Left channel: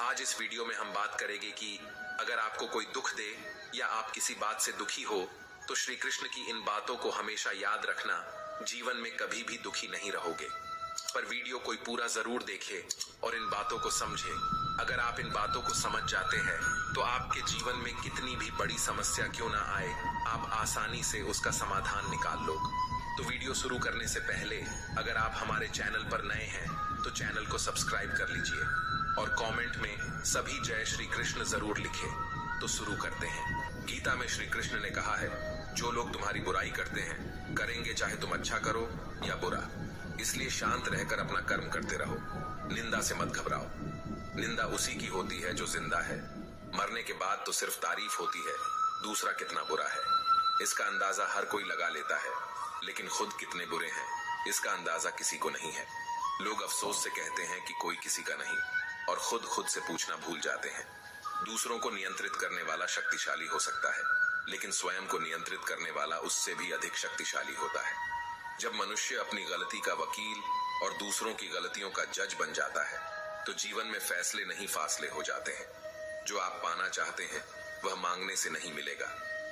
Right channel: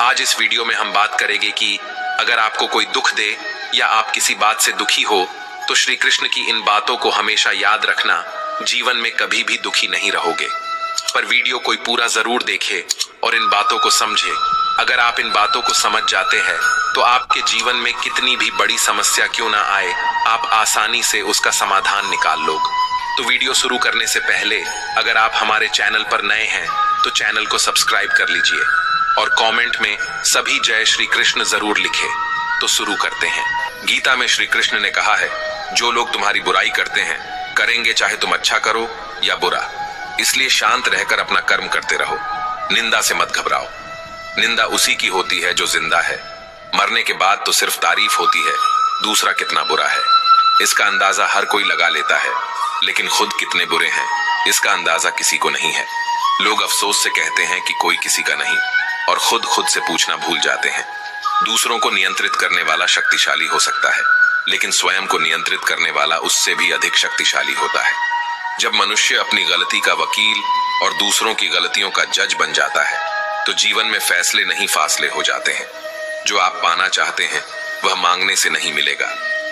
आज इस वीडियो में हम बात करेंगे कि अगर आपको कोई दुख दे या आप किसी बात से दुखी हो तो श्री कृष्ण की इन बातों को हमेशा याद रखना, जीवन में कभी भी दुखी नहीं रहोगे। पर वीडियो कोई पूरा जरूर देखे और इन बातों को समझे। अगर आप इन बातों को समझ जाते हैं तो आपके जीवन में कितनी भी बड़ी समस्या क्यों ना आए, आप आसानी से उसका समाधान निकाल लोगे। तो वीडियो शुरू करने से पहले अगर आप हमारे चैनल पर नए हैं तो चैनल को सब्सक्राइब कर लीजिए और कमेंट में सभी जय श्री कृष्ण जरूर लिखे। तो शुरू करते हैं। गीता में श्री कृष्ण ने कहा है, जो लोग तुम्हारी बुराई करते हैं करेंगे, चाहे तुम अच्छा करो या बुरा, इसलिए शांत रहकर अपना कर्म करते रहो। निंदा से मत घबराओ। निंदा उसी की होती है जो जिंदा है। मरने के बाद तो सिर्फ तारीफ होती है दूसरा कितना बुरा है। इसका अंदाजा हर कोई लगा लेता है, लेकिन खुद कितने बुरे हैं इसका अंदाजा किसी को नहीं है। लोग अफसोस से कहते हैं कि कोई किसी का नहीं, और खुद से पूछना भूल जाते हैं। दूसरों को नियंत्रित करने वाला शक्तिशाली हो सकता है, लेकिन स्वयं को नियंत्रित करने वाला उससे भी अधिक शक्तिशाली होता है। जब मनुष्य अपनी गलती का वकील और दूसरों की गलतियों का जज बन जाता है तो जीवन में फैसले नहीं फासले हो जाते हैं। जो आप पाना चाहते हैं वह मांगने से नहीं मिलेगा,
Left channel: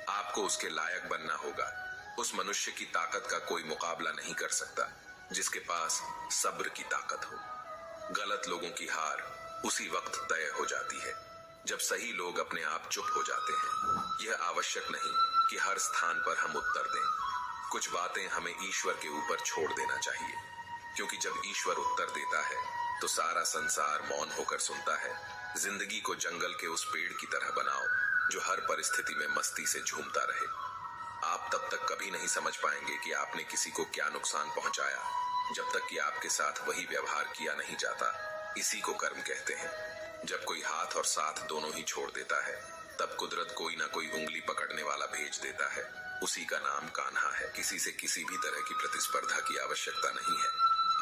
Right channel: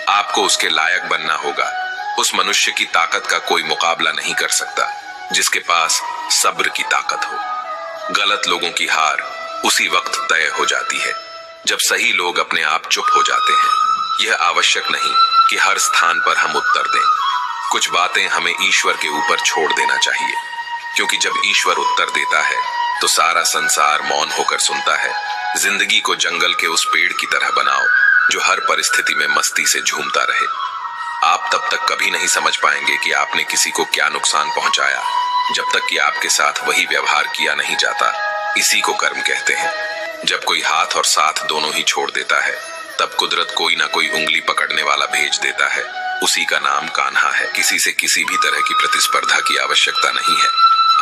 आपको उसके लायक बनना होगा। उस मनुष्य की ताकत का कोई मुकाबला नहीं कर सकता जिसके पास सब्र की ताकत हो। गलत लोगों की हार उसी वक्त तय हो जाती है जब सही लोग अपने आप चुप हो जाते हैं। यह आवश्यक नहीं कि हर स्थान पर हम उत्तर दें। कुछ बातें हमें ईश्वर के ऊपर छोड़ देना चाहिए, क्योंकि जब ईश्वर उत्तर देता है तो सारा संसार मौन होकर सुनता है। जिंदगी को जंगल के उस पेड़ की तरह बनाओ जो हर परिस्थिति में मस्ती से झूमता रहे। आप तब तक कभी नहीं समझ पाएंगे कि आपने किसी को क्या नुकसान पहुंचाया जब तक कि आपके साथ वही व्यवहार किया नहीं जाता। इसी को कर्म कहते हैं। जब कोई हाथ और साथ दोनों ही छोड़ देता है तब कुदरत कोई ना कोई उंगली पकड़ने वाला भेज देता है। उसी का नाम कान्हा है। किसी से किसी भी तरह की प्रतिस्पर्धा की आवश्यकता नहीं है।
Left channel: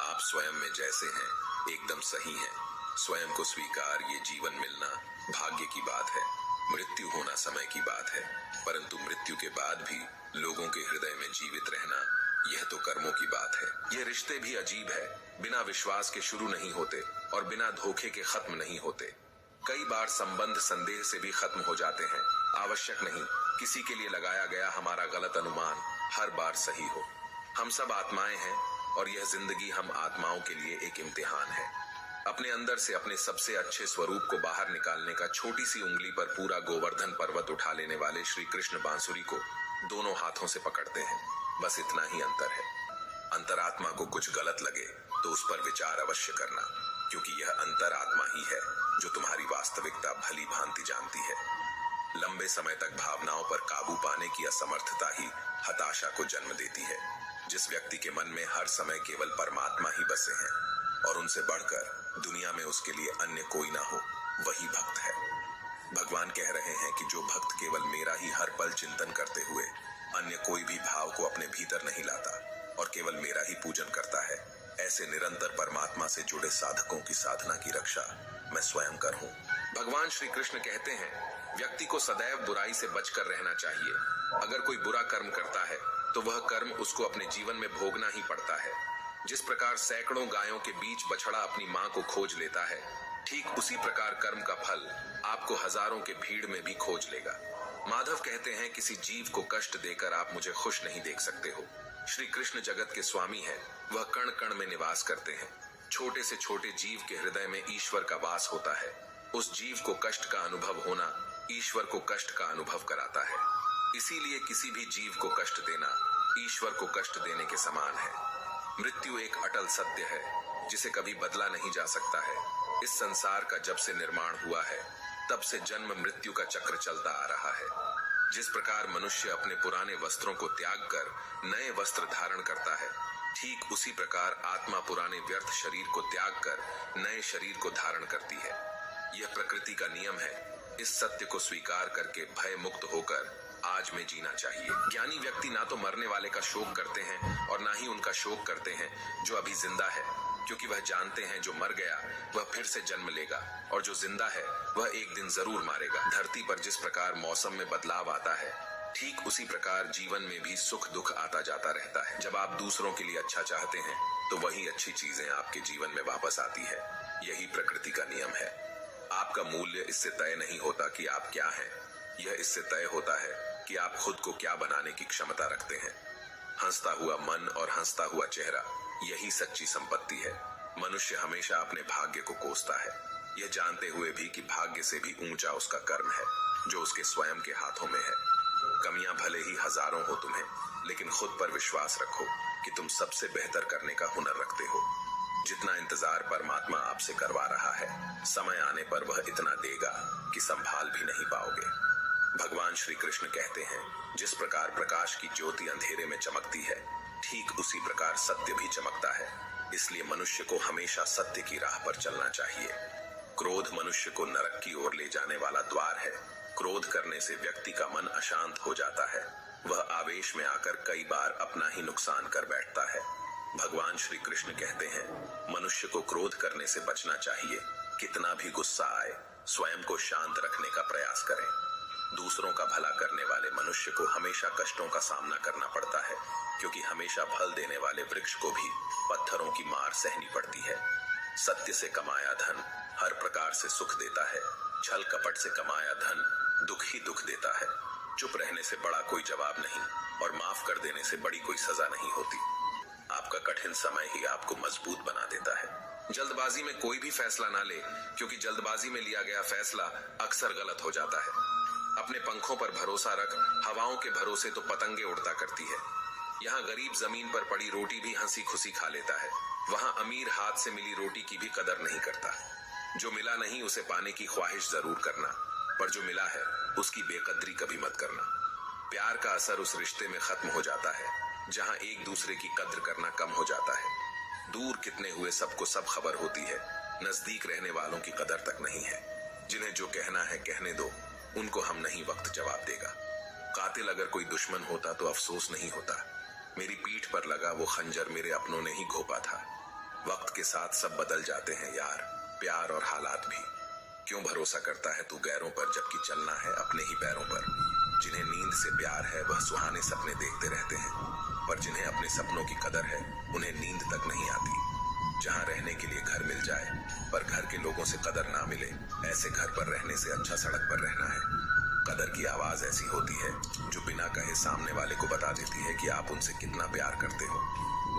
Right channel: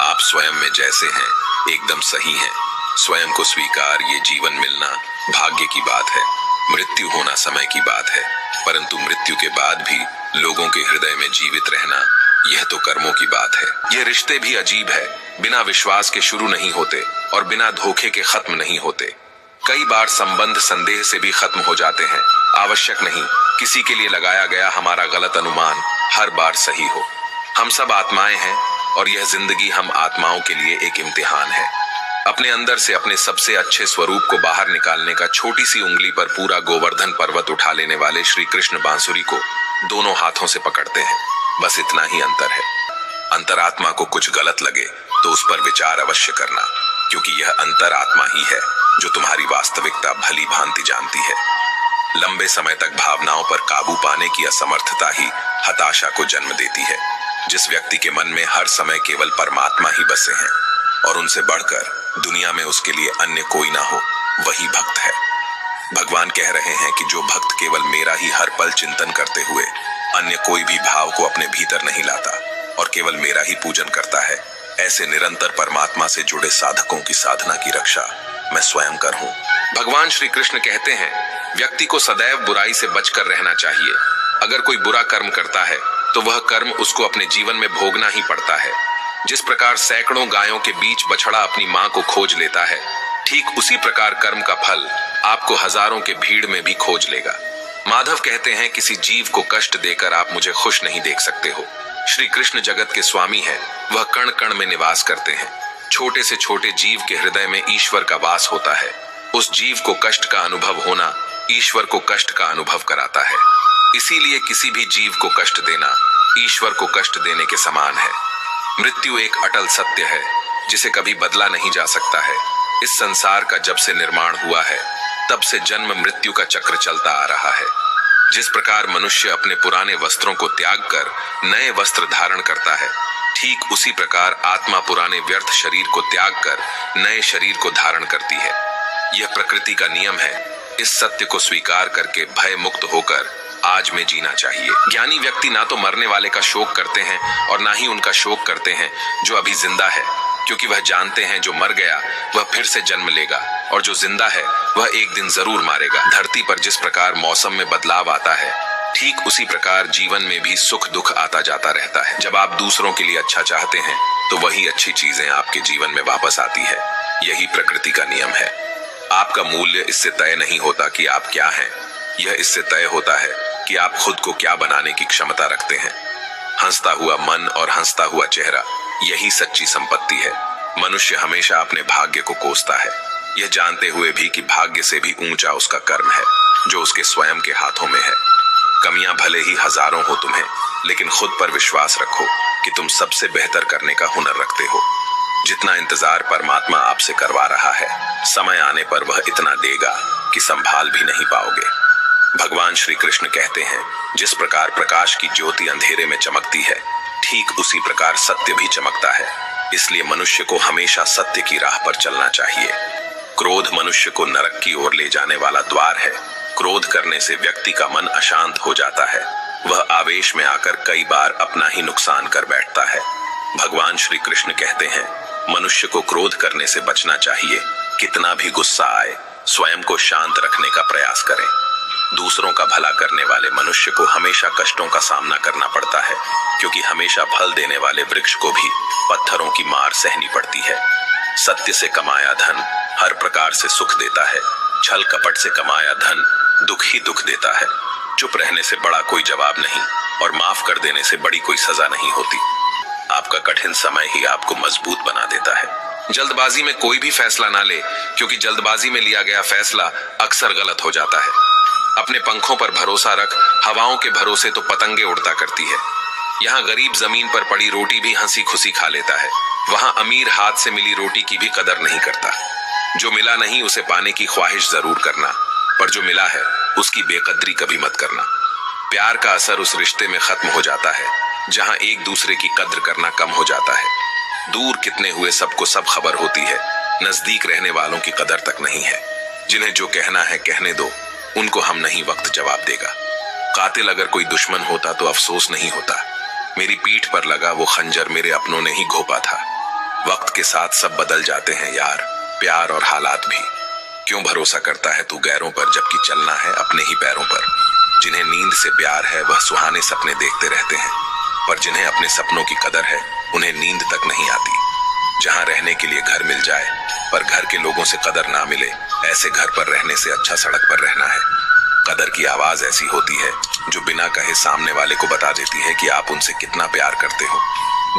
आप स्वयं में जैसे हैं एकदम सही हैं। स्वयं को स्वीकार, ये जीवन मिलना भाग्य की बात है। मृत्यु होना समय की बात है, परंतु मृत्यु के बाद भी लोगों के हृदय में जीवित रहना, यह तो कर्मों की बात है। ये रिश्ते भी अजीब है, बिना विश्वास के शुरू नहीं होते और बिना धोखे के खत्म नहीं होते। कई बार संबंध संदेह से भी खत्म हो जाते हैं। आवश्यक नहीं किसी के लिए लगाया गया हमारा गलत अनुमान हर बार सही हो। हम सब आत्माएं हैं और यह जिंदगी हम आत्माओं के लिए एक इम्तिहान है। अपने अंदर से अपने सबसे अच्छे स्वरूप को बाहर निकालने का छोटी सी उंगली पर पूरा गोवर्धन पर्वत उठा लेने वाले श्री कृष्ण बांसुरी को दोनों हाथों से पकड़ते हैं। बस इतना ही अंतर है। अंतरात्मा को कुछ गलत लगे तो उस पर विचार अवश्य करना, क्योंकि यह अंतरात्मा ही है जो तुम्हारी वास्तविकता भली भांति जानती है। लंबे समय तक भावनाओं पर काबू पाने की असमर्थता ही हताशा को जन्म देती है। जिस व्यक्ति के मन में हर समय केवल परमात्मा ही बसे हैं और उनसे बढ़कर दुनिया में उसके लिए अन्य कोई ना हो, वही भक्त है। भगवान कह रहे हैं कि जो भक्त केवल मेरा ही हर पल चिंतन करते हुए अन्य कोई भी भाव को अपने भीतर नहीं लाता और केवल मेरा ही पूजन करता है, ऐसे निरंतर परमात्मा से जुड़े साधकों की साधना की रक्षा मैं स्वयं कर हूं। भगवान श्री कृष्ण कहते हैं, व्यक्ति को सदैव बुराई से बचकर रहना चाहिए। अगर कोई बुरा कर्म करता है तो वह कर्म उसको अपने जीवन में भोगना ही पड़ता है। जिस प्रकार सैकड़ों गायों के बीच बछड़ा अपनी मां को खोज लेता है, ठीक उसी प्रकार कर्म का फल आपको हजारों के भीड़ में भी खोज लेगा। माधव कहते हैं, किसी जीव को कष्ट देकर आप मुझे खुश नहीं देख सकते हो। श्री कृष्ण जगत के स्वामी है, वह कण कण में निवास करते हैं। छोटे से छोटे जीव के हृदय में ईश्वर का वास होता है। उस जीव को कष्ट का अनुभव होना ईश्वर को कष्ट का अनुभव कराता है। इसीलिए किसी भी जीव को कष्ट देना ईश्वर को कष्ट देने के समान है। मृत्यु एक अटल सत्य है जिसे कभी बदला नहीं जा सकता है। इस संसार का जब से निर्माण हुआ है तब से जन्म मृत्यु का चक्र चलता आ रहा है। जिस प्रकार मनुष्य अपने पुराने वस्त्रों को त्याग कर नए वस्त्र धारण करता है, ठीक उसी प्रकार आत्मा पुराने व्यर्थ शरीर को त्याग कर नए शरीर को धारण करती है। यह प्रकृति का नियम है। इस सत्य को स्वीकार करके भय मुक्त होकर आज में जीना चाहिए। ज्ञानी व्यक्ति ना तो मरने वाले का शोक करते हैं और ना ही उनका शोक करते हैं जो अभी जिंदा है, क्योंकि वह जानते हैं जो मर गया वह फिर से जन्म लेगा और जो जिंदा है वह एक दिन जरूर मारेगा। धरती पर जिस प्रकार मौसम में बदलाव आता है, ठीक उसी प्रकार जीवन में भी सुख दुख आता जाता रहता है। जब आप दूसरों के लिए अच्छा चाहते हैं तो वही अच्छी चीजें आपके जीवन में वापस आती है। यही प्रकृति का नियम है। आपका आपका मूल्य इससे तय नहीं होता कि आप क्या हैं, यह इससे तय होता है कि आप खुद को क्या बनाने की क्षमता रखते हैं। हंसता हुआ मन और हंसता हुआ चेहरा, यही सच्ची संपत्ति है। मनुष्य हमेशा अपने भाग्य को कोसता है, यह जानते हुए भी कि भाग्य से भी ऊंचा उसका कर्म है जो उसके स्वयं के हाथों में है। कमियां भले ही हजारों हो तुम्हें, लेकिन खुद पर विश्वास रखो कि तुम सबसे बेहतर करने का हुनर रखते हो। जितना इंतजार परमात्मा आपसे करवा रहा है, समय आने पर वह इतना देगा कि संभाल भी नहीं पाओगे। भगवान श्री कृष्ण कहते हैं, जिस प्रकार प्रकाश की ज्योति अंधेरे में चमकती है, ठीक उसी प्रकार सत्य भी चमकता है। इसलिए मनुष्य को हमेशा सत्य की राह पर चलना चाहिए। क्रोध मनुष्य को नरक की ओर ले जाने वाला द्वार है। क्रोध करने से व्यक्ति का मन अशांत हो जाता है, वह आवेश में आकर कई बार अपना ही नुकसान कर बैठता है। भगवान श्री कृष्ण कहते हैं, मनुष्य को क्रोध करने से बचना चाहिए। कितना भी गुस्सा आए, स्वयं को शांत रखने का प्रयास करें। दूसरों का भला करने वाले मनुष्य को हमेशा कष्टों का सामना करना पड़ता है, क्योंकि हमेशा फल देने वाले वृक्ष को भी पत्थरों की मार सहनी पड़ती है। सत्य से कमाया धन हर प्रकार से सुख देता है, छल कपट से कमाया धन दुख ही दुख देता है। चुप रहने से बड़ा कोई जवाब नहीं, और माफ कर देने से बड़ी कोई सजा नहीं होती। आपका कठिन समय ही आपको मजबूत बना देता है। जल्दबाजी में कोई भी फैसला ना ले, क्योंकि जल्दबाजी में लिया गया फैसला अक्सर गलत हो जाता है। अपने पंखों पर भरोसा रख, हवाओं के भरोसे तो पतंगे उड़ता करती है। यहाँ गरीब जमीन पर पड़ी रोटी भी हंसी खुशी खा लेता है, वहां अमीर हाथ से मिली रोटी की भी कदर नहीं करता। जो मिला नहीं उसे पाने की ख्वाहिश जरूर करना, पर जो मिला है उसकी बेकदरी कभी मत करना। प्यार का असर उस रिश्ते में खत्म हो जाता है जहां एक दूसरे की कद्र करना कम हो जाता है। दूर कितने हुए सबको सब खबर होती है, नजदीक रहने वालों की कदर तक नहीं है। जिन्हें जो कहना है कहने दो, उनको हम नहीं वक्त जवाब देगा। कातिल अगर कोई दुश्मन होता तो अफसोस नहीं होता। मेरी पीठ पर लगा वो खंजर मेरे अपनों ने ही घोंपा था। वक्त के साथ सब बदल जाते हैं यार, प्यार और हालात भी। क्यों भरोसा करता है तू गैरों पर, जबकि चलना है अपने ही पैरों पर। जिन्हें नींद से प्यार है वह सुहाने सपने देखते रहते हैं, पर जिन्हें अपने सपनों की कदर है उन्हें नींद तक नहीं आती। जहां रहने के लिए घर मिल जाए पर घर के लोगों से कदर ना मिले, ऐसे घर पर रहने से अच्छा सड़क पर रहना है। कदर की आवाज ऐसी होती है जो बिना कहे सामने वाले को बता देती है कि आप उनसे कितना प्यार करते हो।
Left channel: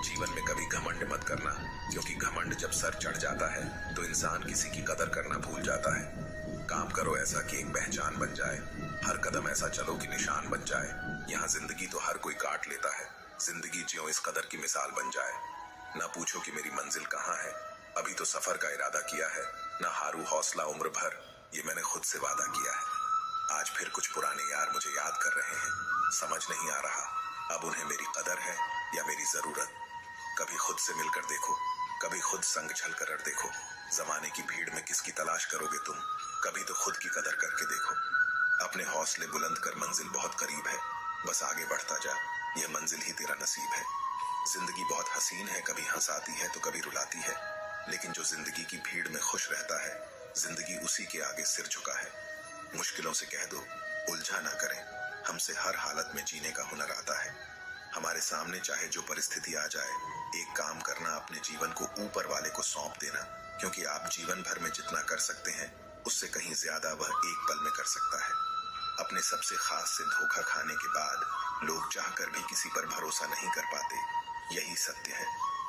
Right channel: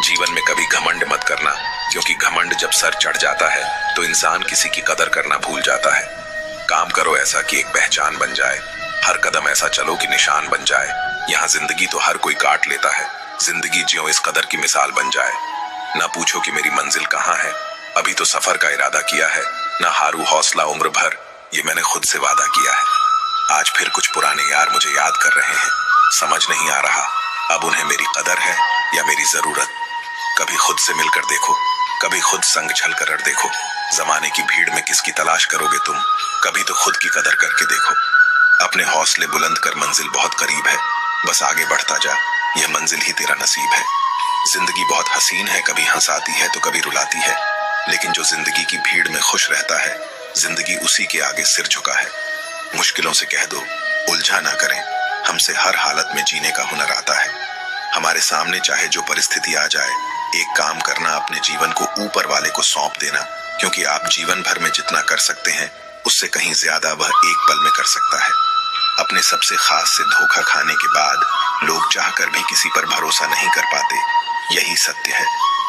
जीवन में कभी घमंड मत करना, क्योंकि घमंड जब सर चढ़ जाता है तो इंसान किसी की कदर करना भूल जाता है। काम करो ऐसा कि एक पहचान बन जाए, हर कदम ऐसा चलो कि निशान बन जाए। यहाँ जिंदगी तो हर कोई काट लेता है, जिंदगी जियो इस कदर की मिसाल बन जाए। ना पूछो कि मेरी मंजिल कहाँ है, अभी तो सफर का इरादा किया है। ना हारू हौसला उम्र भर, ये मैंने खुद से वादा किया है। आज फिर कुछ पुराने यार मुझे याद कर रहे हैं, समझ नहीं आ रहा अब उन्हें मेरी कदर है या मेरी जरूरत। कभी खुद से मिलकर देखो, कभी खुद संग छल कर देखो। जमाने की भीड़ में किसकी तलाश करोगे तुम, कभी तो खुद की कदर करके देखो। अपने हौसले बुलंद कर, मंजिल बहुत करीब है, बस आगे बढ़ता जा, यह मंजिल ही तेरा नसीब है। जिंदगी बहुत हसीन है, कभी हंसाती है तो कभी रुलाती है, लेकिन जो जिंदगी की भीड़ में खुश रहता है, जिंदगी उसी के आगे सिर झुका है। मुश्किलों से कह दो उलझा ना करें, हमसे हर हालत में जीने का हुनर आता है। हमारे सामने चाहे जो परिस्थिति आ जाए, एक काम करना, अपने जीवन को ऊपर वाले को सौंप देना, क्योंकि आप जीवन भर में जितना कर सकते हैं उससे कहीं ज्यादा वह एक पल में कर सकता है। अपने सबसे खास से धोखा खाने के बाद लोग चाहकर भी किसी पर भरोसा नहीं कर पाते, यही सत्य है।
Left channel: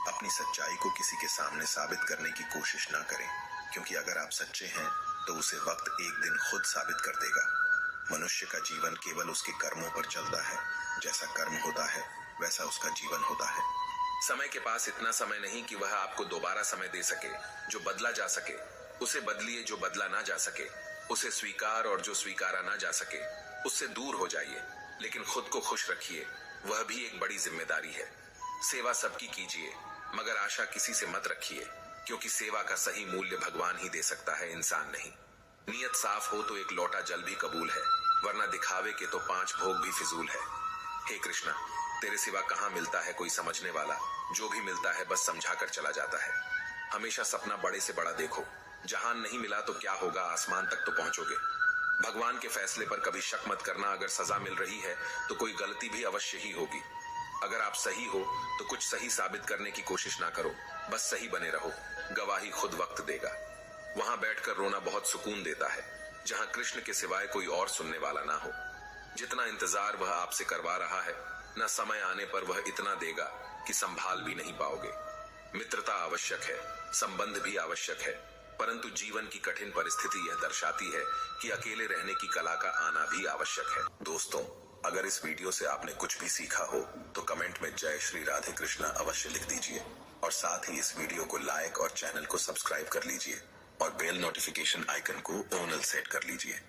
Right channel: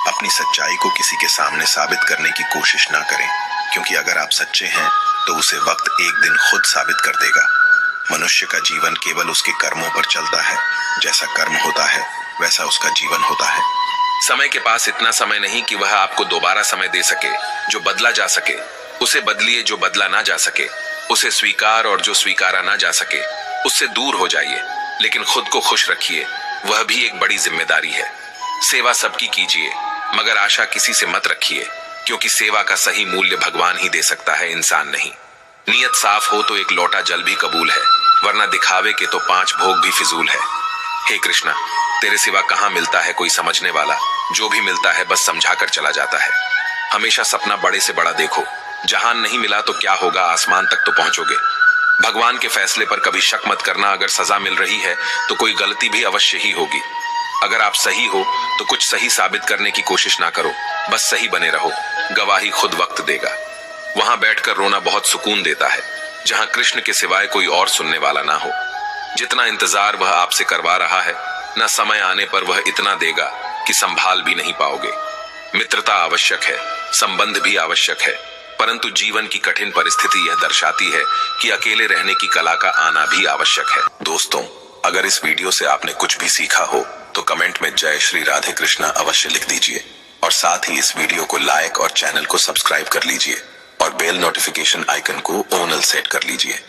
अपनी सच्चाई को किसी के सामने साबित करने की कोशिश ना करें, क्योंकि अगर आप सच्चे हैं तो उसे वक्त एक दिन खुद साबित कर देगा। मनुष्य का जीवन केवल उसके कर्मों पर चलता है, जैसा कर्म होता है वैसा उसका जीवन होता है। समय के पास इतना समय नहीं कि वह आपको दोबारा समय दे सके। जो बदला जा सके उसे बदलिए, जो बदला ना जा सके उसे स्वीकार, और जो स्वीकारा ना जा सके उससे दूर हो जाइए, लेकिन खुद को खुश रखिए, वह भी एक बड़ी जिम्मेदारी है। सेवा सबकी कीजिए, मगर आशा किसी से मत रखिए, क्योंकि सेवा का सही मूल्य भगवान ही दे सकता है, इंसान नहीं। नियत साफ हो तो एक लोटा जल भी कबूल है, वरना दिखावे के तो 5 भोग भी फिजूल है। हे कृष्णा, तेरे सिवा कहाँ मिलता है कोई समझने वाला, जो भी मिलता है बस समझाकर चला जाता है। हमेशा सपना बड़े से बड़ा देखो, जहान नहीं मिला तो क्या होगा, आसमान तक तो पहुंचोगे। भगवान के फैसले पर कभी शक मत करना, अगर सजा मिल रही है तो कोई गलती भी अवश्य ही होगी। अगर आप सही हो तो कुछ सही साबित करने की कोशिश ना करो, बस सही बने रहो, गवाही खुद वक्त देगा। वहां बैठकर रोना बहुत सुकून देता है, जहां कृष्ण के सिवाय कोई और सुनने वाला ना हो। जितना इंतजार वह आपसे करवा रहा है, न समय आने पर वह इतना देगा कि संभाल भी नहीं पाओगे। मित्रता आवश्यक है, संबंध भी आवश्यक है, परंतु जीवन की कठिन परिस्थिति यह दर्शाती है कि अकेले रहने की कला का आना भी आवश्यक है। दोस्तों, अगर इस वीडियो से आपने कुछ भी सीखा हो तो कमेंट में जय श्री राधे कृष्णा अवश्य लिख दीजिए और साथ ही इस वीडियो को लाइक और चैनल को सब्सक्राइब कर लीजिए और बेल नोटिफिकेशन आइकन को ऑन सेट कर लीजिए।